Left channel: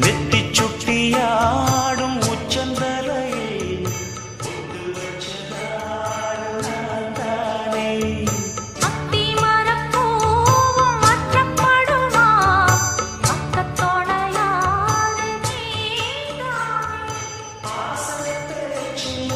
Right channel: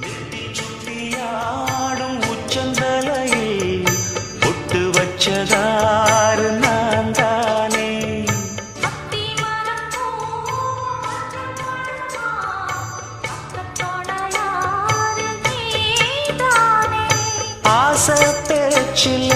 நெத்தி சுட்டியாடும் உச்சந்தலையில் பொட்டு வச்சதாறு நான் தானே. அத்தி மரப்பூவும் மாற்றப்படுமா பக்கத்தோட யாரு நீதானே. ஆசை பேச்சில்